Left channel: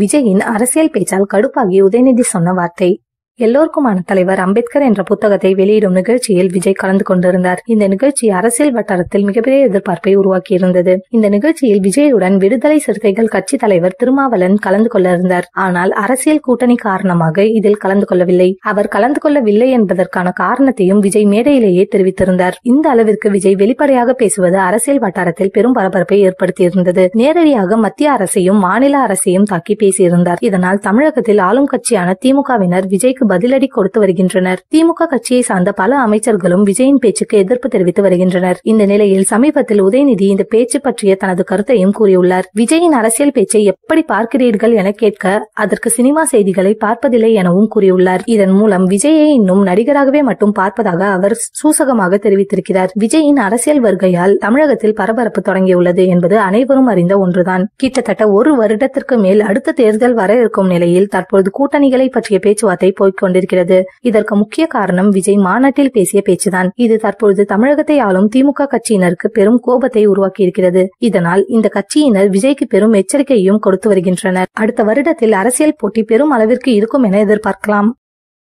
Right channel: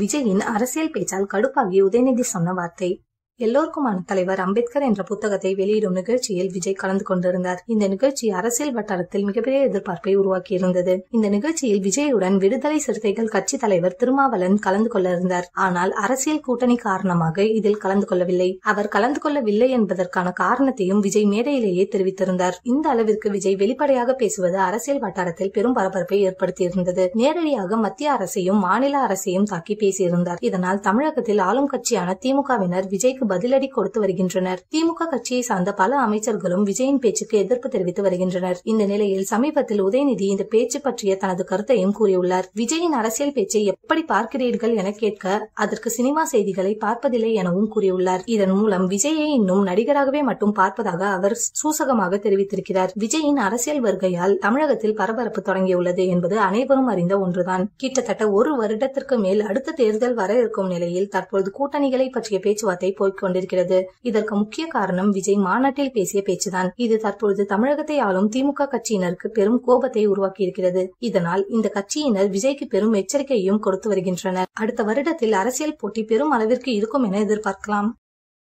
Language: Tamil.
விஜயின் அரசியல் பேச்சால் கடுப்பாகி உதயநிதி சொன்ன வார்த்தை. எல்லோருக்குமான தலைவர் அம்பேத்கர் என்ற புத்தகத்தை வெளியிடும் நிகழ்ச்சியில் விஜய் கலந்து கொண்டிருந்தார். இந்த நிகழ்ச்சி அரசியல் வட்டாரத்தில் மிகப்பெரிய எதிர்பார்ப்பை உருவாக்கியிருந்தது. இந்த நிகழ்ச்சியில் விஜயுடன் விடுதலை சிறுத்தைகள் கட்சி தலைவர் திருமாவளவன் கலந்து கொள்ள இருந்தார். ஆனால் அரசியல் கூட்டணி காரணமாக இதில் கலந்து கொள்ளவில்லை. அவர் கலந்து கொள்ளவில்லை என்பதற்கான காரணத்தையும் விஜய் மேடையிலேயே தெரிவித்திருந்தார். இந்த அளவிற்கு விஜய் வெளிப்படையாக பேசுவது அரசியல் வட்டாரத்தில் பெரும் பரபரப்பை ஏற்படுத்தியிருந்தது. நேரடியாக மத்திய அரசையும் மாநில அரசையும் தாக்கி பேசியிருந்தார். இதனால் தமிழகத்தில் ஆளும் கட்சியான திமுகவினர் விஜய்க்கு பதிலடி கொடுத்து வருகின்றனர். திமுக கட்சியை சார்ந்த பல அமைச்சர்களும் விஜயின் பேச்சுக்கு எதிர்ப்பு தெரிவித்து வருகின்றனர். இந்த நிலையில் சமீபத்தில் உதயநிதி இந்த பேச்சு பற்றிய தனது கருத்தையும் கூறியுள்ளார். விஜயின் அரசியல் பேச்சை எப்படி பார்க்கிறீர்கள் என கேட்க அதற்கு சினிமா செய்திகளை பார்ப்பதில்லை எனவும் கூறியுள்ளார். இதன் மூலம் விஜயை இன்னும் நடிகராகவே மட்டும் பார்ப்பதாக அவர் சூசகமாக தெரிவித்திருக்கிறார். விஜயின் அரசியல் வருகையால் தமிழகத்தில் பரபரப்பு தொடங்கியுள்ளது என்பது அனைவரும் அறிந்த ஒன்றுதான். கிட்டத்தட்ட ஒரு வருடத்திற்கு மேல் அடுத்த தேர்தல் வர இருக்கும் நிலையில் தற்போது கூட்டணிகளை பற்றிய பேச்சுவார்த்தை கொண்டிருக்கிறது. இதற்கு முக்கிய காரணம் விஜய் மாநாட்டில் பேசிய பேச்சுதான். இது தற்பொழுது தமிழகத்தை ஆளும் திமுக கட்சியினருக்கு பெரும் கோபத்தை உருவாக்கியிருக்கிறது. இதனால் இந்த கட்சியினர் விஜய்க்கு பெரும் எச்சரிக்கையும் கொடுத்து வருகின்றனர். அடுத்த வருடத்தில் அரசியல் போட்டி பெரும் அளவிற்கு இருக்கும் என எதிர்பார்க்கலாம்.